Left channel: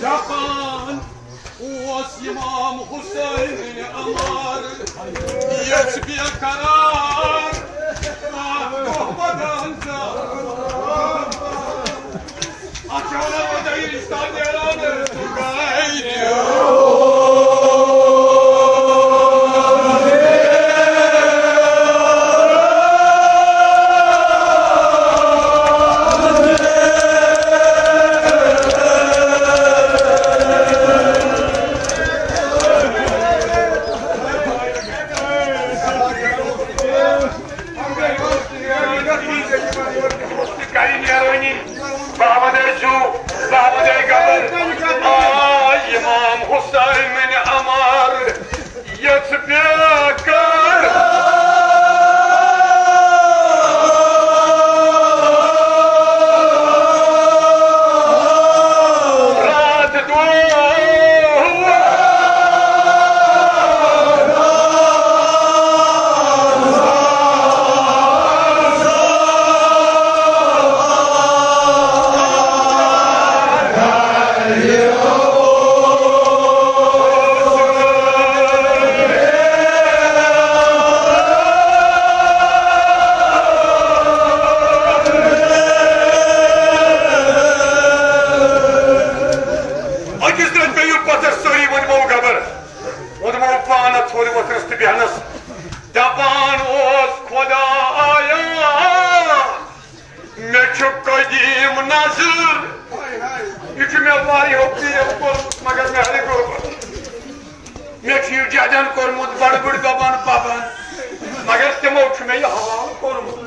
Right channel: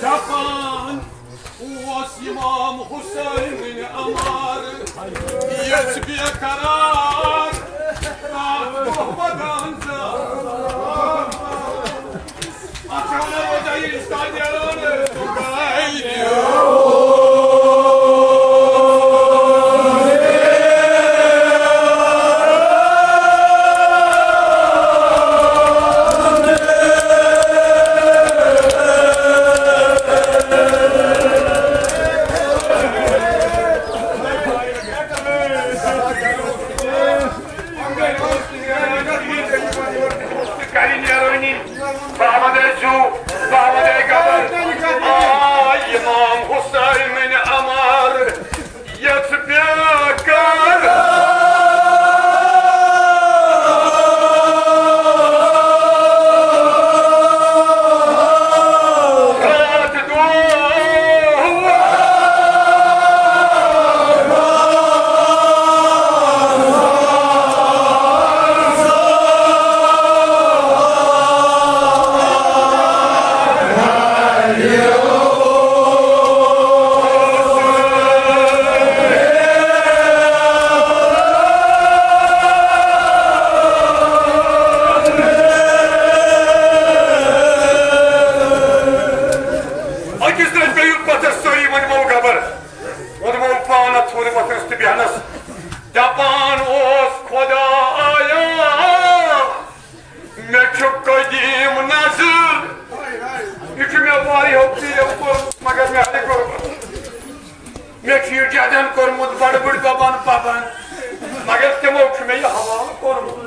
Japan was İmam Hüseyin Amar Yetbiye karar Kohmadan Akşana hocayı İstanbul'da Tugaylı İmam Hüseyin Amar Yetbiye karar Daban os Khodaya मैं चुप कदीम नजर हमारी होती है मगर मैं खीर जादन कोर्मुत बड़ बड़ दबान पाबन मगर तमो मैं हवाल कोर्मुत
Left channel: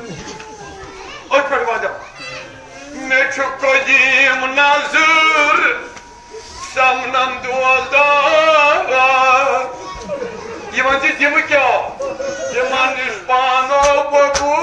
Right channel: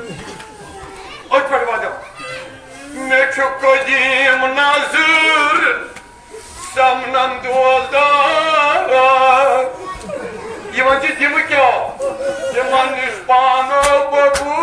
मैं चुप कदीम नजर समनम दोलदार ये मंजी दिम क्या ये मन निष्पाना बगू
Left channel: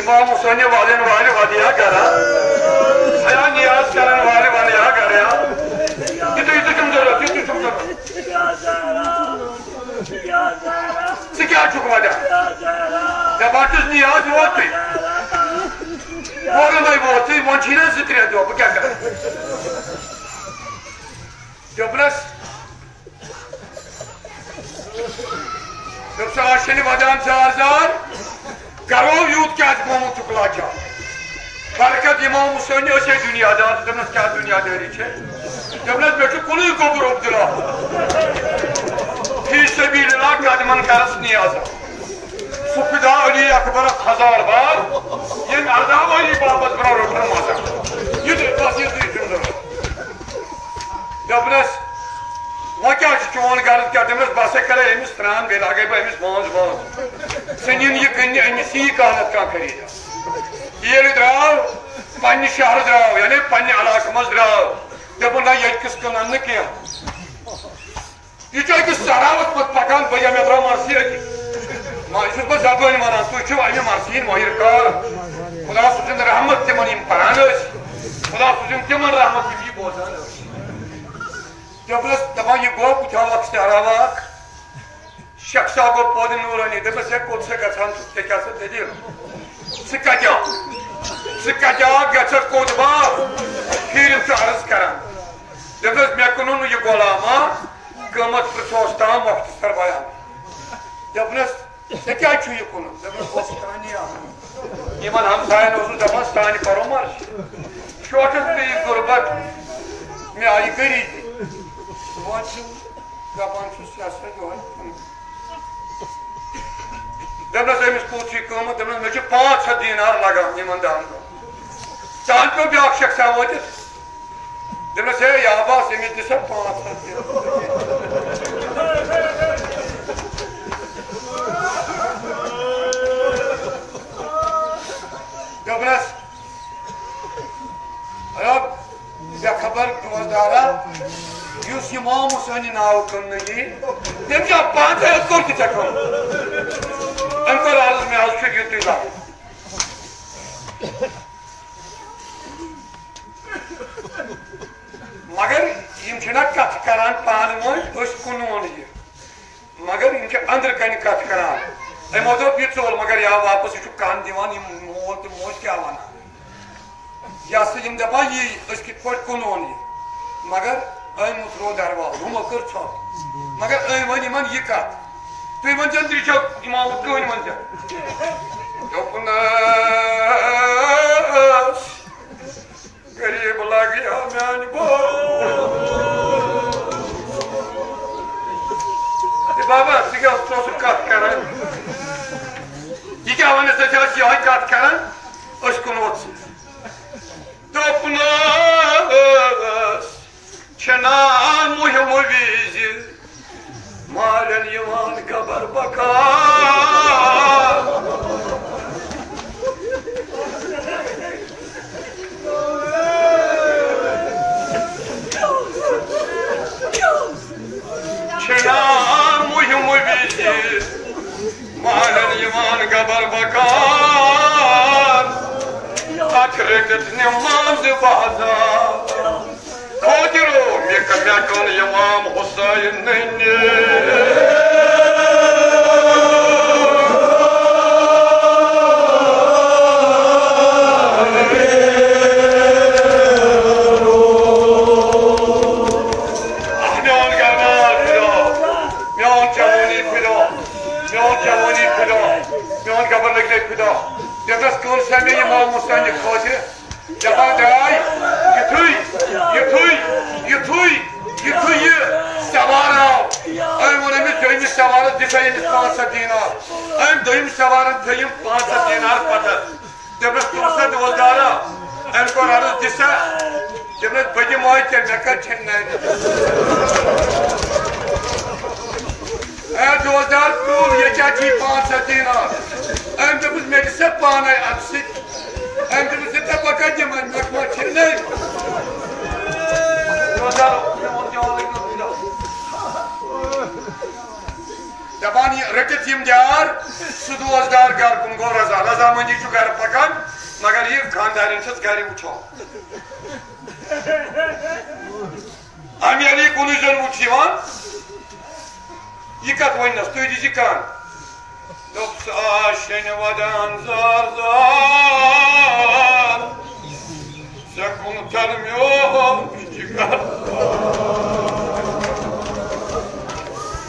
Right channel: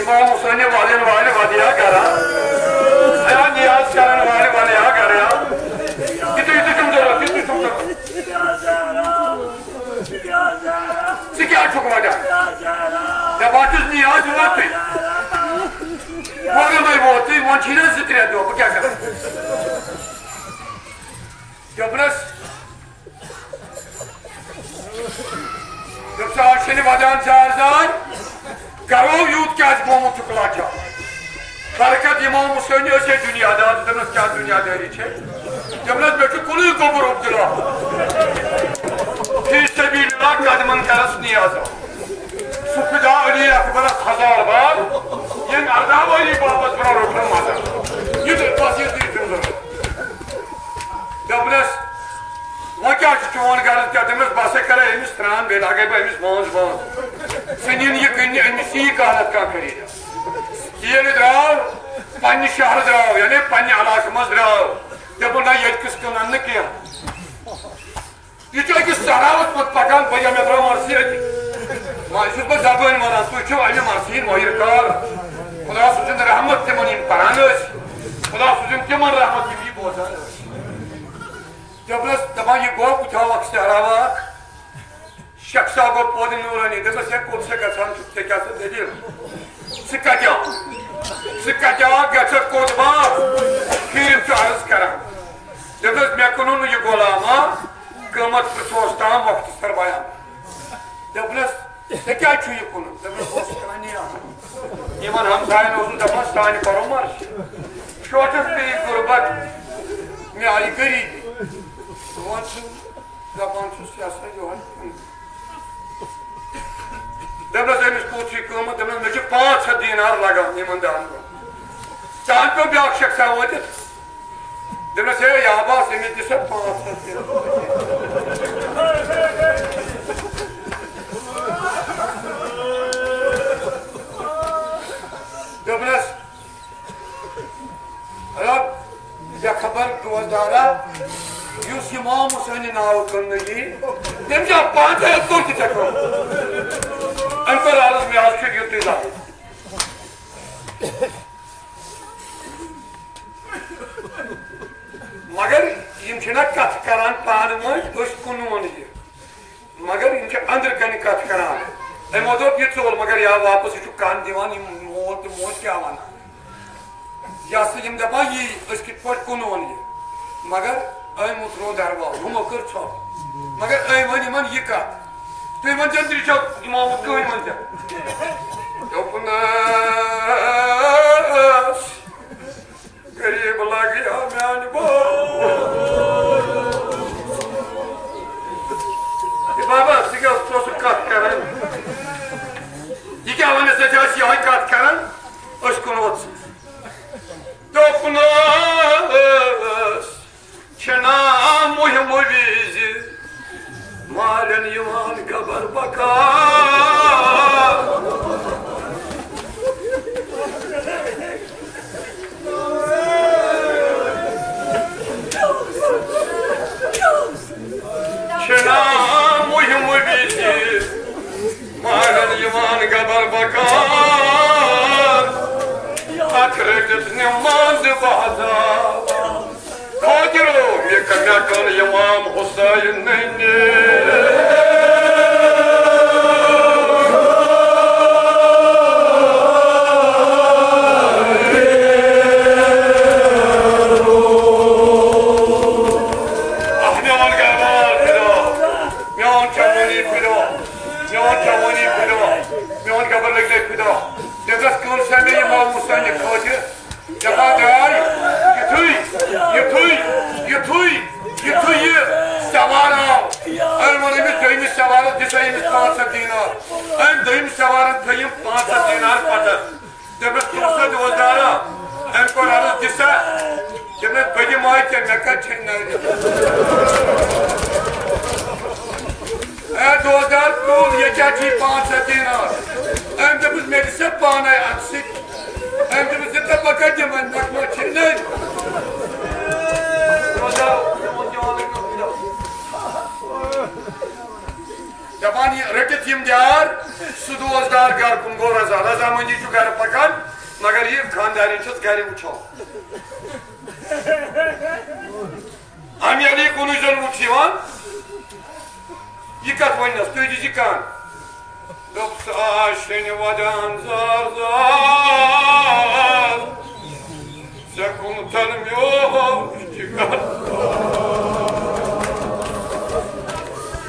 इमाम हुसैन वाले वादिया कह रहा नियाज करने वाले यहाँ कह रहा कितनी तुम जरा कितनी तुम क्या चुकवा जा मैं बाकी नियाज हुआ थी वो मैं वो थी वो चीज़ जिक्र है तो क्या कर जबरदस्त जब शासन वादन चार्जर करो यूथ क्या मोमो चुकला क्या बरकत इमाम हुसैन ऐसे दुनियादार जबरदस्त क्या दुनियादारी छे जबरदस्त बेटे कुली को बरोब दिला फी सबीलिल्लाह कदमन करस नियाज़ सुफिदा अली अकबर 1000 बार ये मर्दा वाली बाबत बना रोकन माता ये तो तस्वीर दी सुंदर जबरदस्त वह क्या चुन कर क्या तमिस बस करे अमिस त्रान बे लगे अमिस बोंज सनिन ये कन्या अमिस यी कहत का करी ये द्राव पन्ने शहर द्राव यानी पन्ने इलाके मज द्राव दपन ना ये किस कन न क्या ये जो कि सरावत पत पकान बया में द्राव मारसी मारसी पर जबान मारा तो जो अमे मारसी मोहिर कार खुदा सुजन रहमत ते मन पानस खुदा सुजन के मन रहमत की बोझा जबरदस्त दबा ये गो कुछ अक्षरावा शख्सा गो पौध नूरानी दबा से कोट से का छान ते क्या से दिल सिक्का क्या कजा गचर कोतबा फिर अर्ज करान दस मे कुन यह गुलामा कमत सोचता मुख्तसर बयान दपनस क्या यह कुन इन हमसायन दपान सान करो मर्श शोटस पे गुर्बत मे आई गरीबी दपान दपनस अमिस पूछ कमत दपनस मे 500 दीनार लगान इन दान चान पे ब्या शख्स वोत दपनस हे याबास अमिस दिस 500 दपनस खबर रोजदारा युस इमाम हुसैन नाव कन तम जा 500 कोर चको अर्ज मे आज युति ला मगर कत करान पान मोल कुन मगर अंदर कन कत करान अमो दोप यह चोल मगर या वापस यह कान दिवान मोल तो मोज क्या वन या दपान यी कित पे कुन मगर अन रो दरवाल हमो कर छो मगर वन इन यह कत तुम वन त्रिशो इमाम कह वन गरीब लगे मान बाबा सह कत कर यह क्या वन यह कत कर कुन छना मुहिम विज मारन खबर बका छना मुहिम विज मारन खबर बका नमाज बाजार खोजरो ये कन्या कल इमाम हुसैन ने दपान रटित दियार सह रोजदार गर कुन गो रजामंदी गर पकान मगर यह खानदार गर वो अमेरी कुन जन उठ यह कत वनस तुम दी कान दोन वदान जार जार कुन तर मो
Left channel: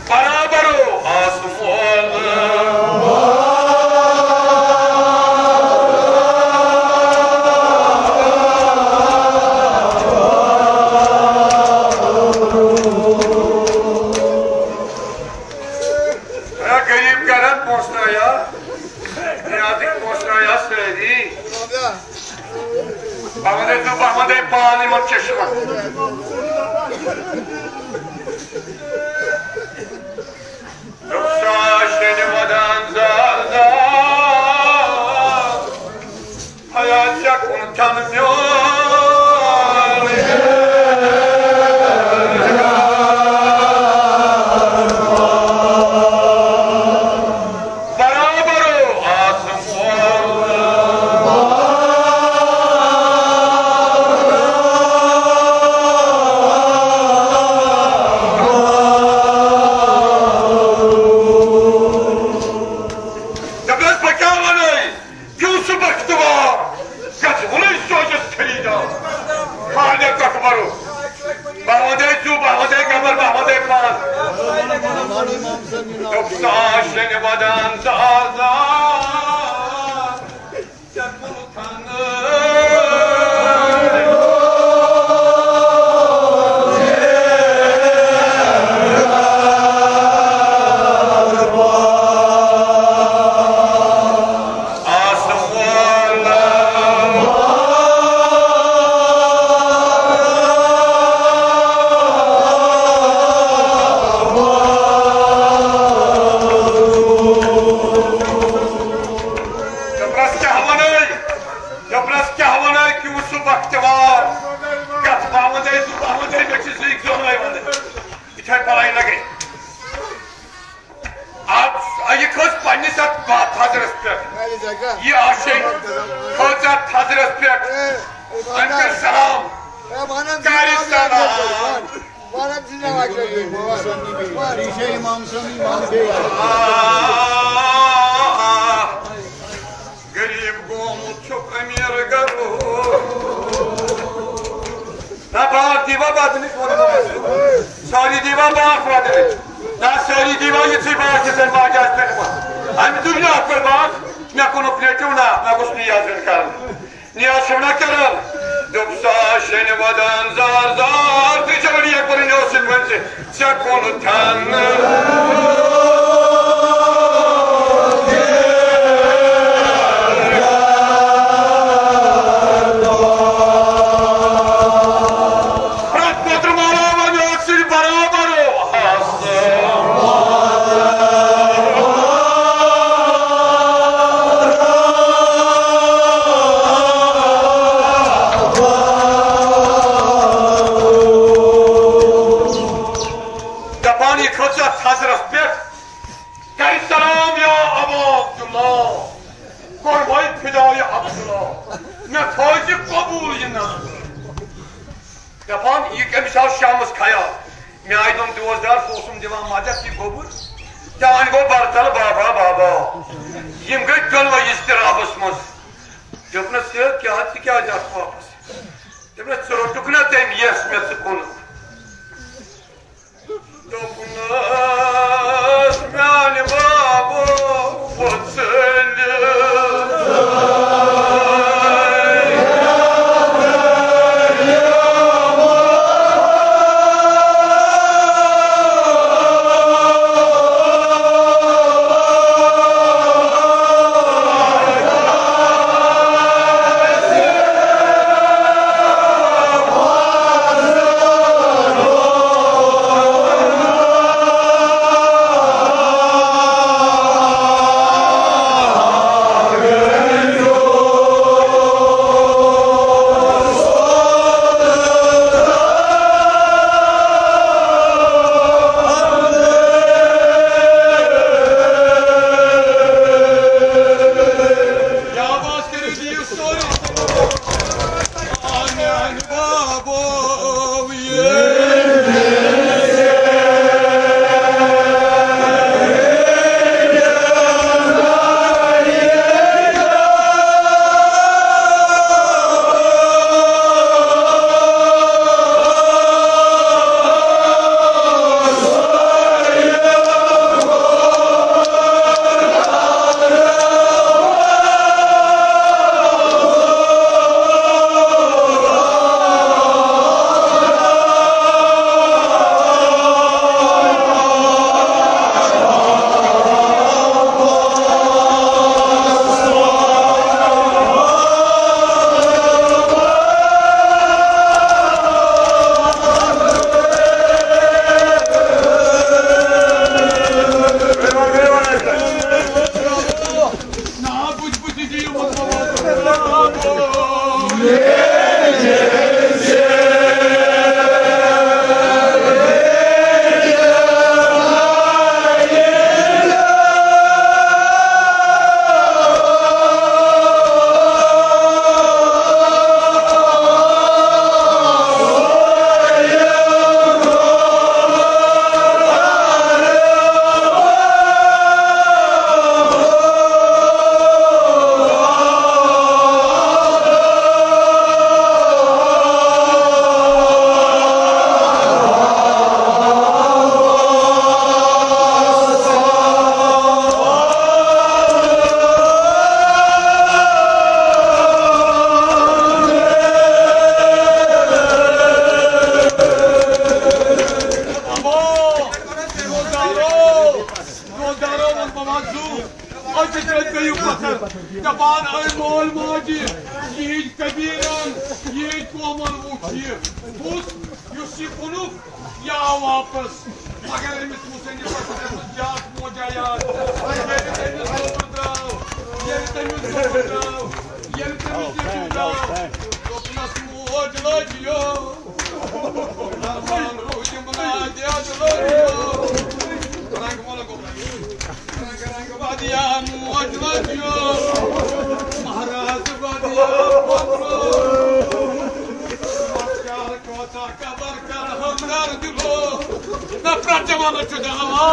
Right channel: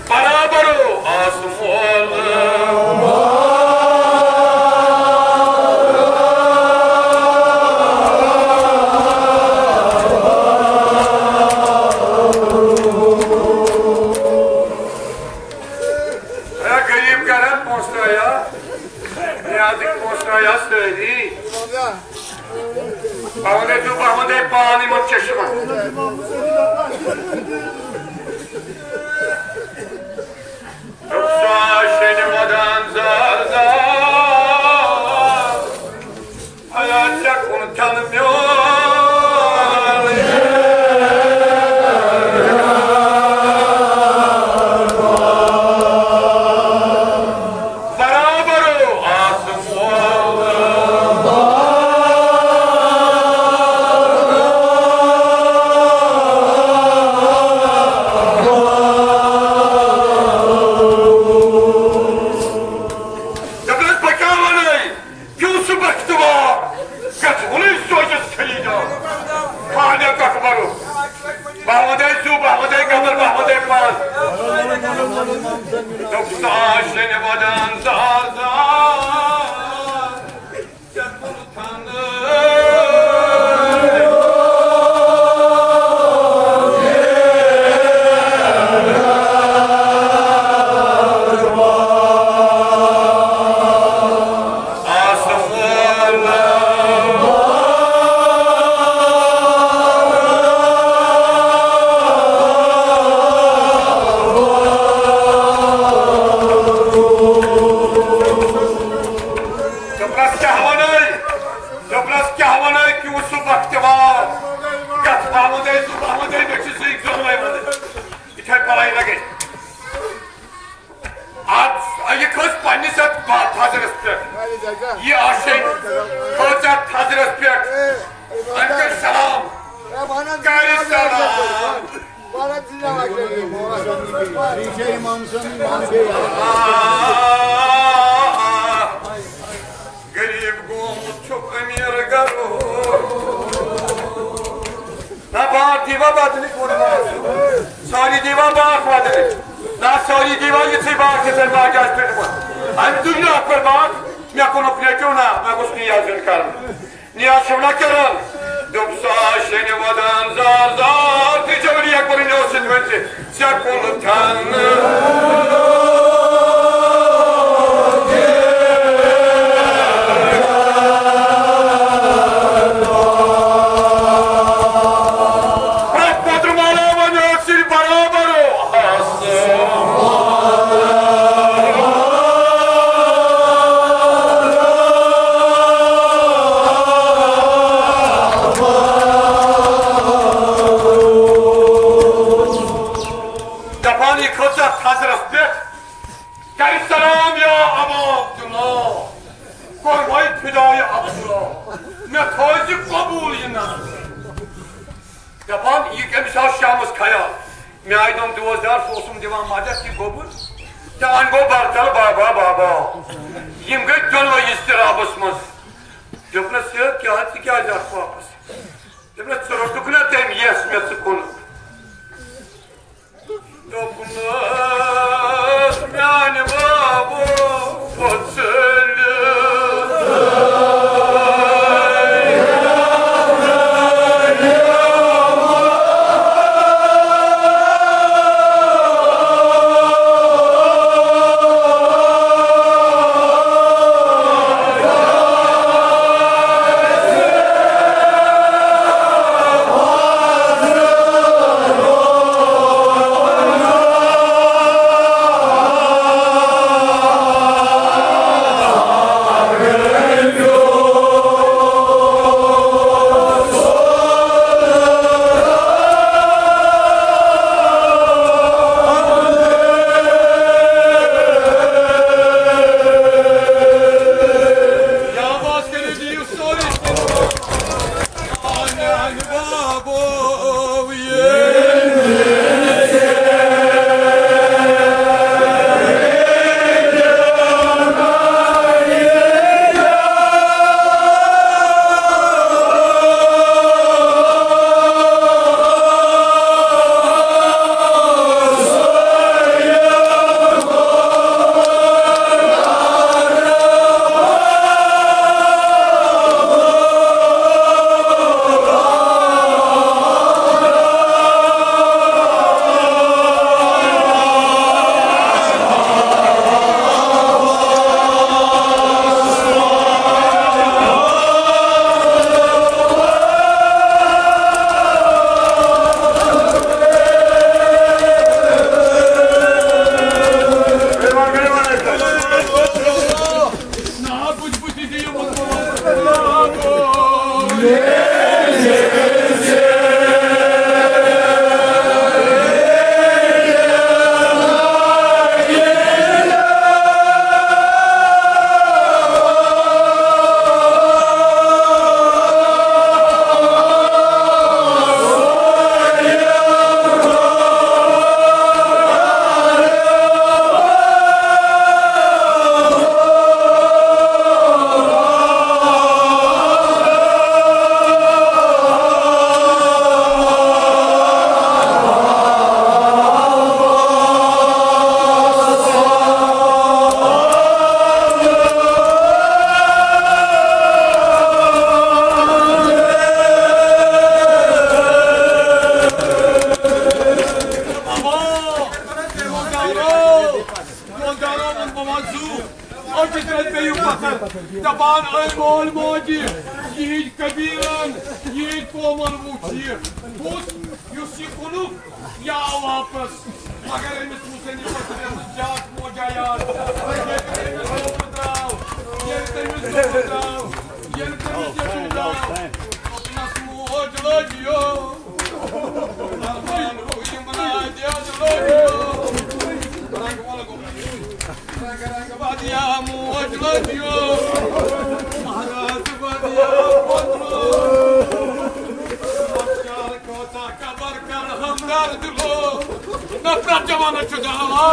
बराबरो आसमोल गरीब कर पहुंचना पहुंचना सही अहमद पान इन चश्मा ये आशे खोजा थाजरस पेट अंकर सलाम कारी सलाम bana dinlemek lazım. Bir şey imam Garip gomu çok emir garu. Na bağır diva badını korumayasın. Sari diva bağır badını. Na sari diva yıtı bağır keser bağır gazdır bu. Hem dünya akır bağır. Me konopletuna, me gusti yazın karım. Niyasımla karım. Duksa şenivadan zar zar. Tıcabını yakbarını olsun bence. Çak onu tanrı. Yapan ilk emisal şamız kaya. Mi aydın duvazdar fosum divan madet ki gobur. Yani go bartalı baba. Yimgöt gönva istirabısmız. Döpne sığır ki hatı ki ajat fapız. Döpne sırırtıkına tem yesmesi konu. Döpnaz mani babu votselü. رنگ والا رنگ بادیا موجودیو مهراز بادیا پترو ماشار کوتا کبر کر همدار دلو نفرت جوانو چداوا